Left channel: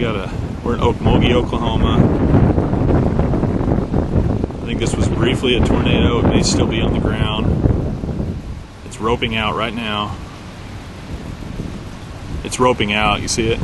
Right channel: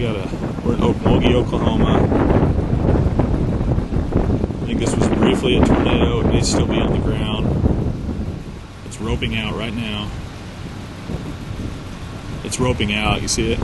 We're in Okmulgee, Oklahoma. I think this was briefly a tornado. It may still be on the ground. It's roping out right now. It's roping out. You see it?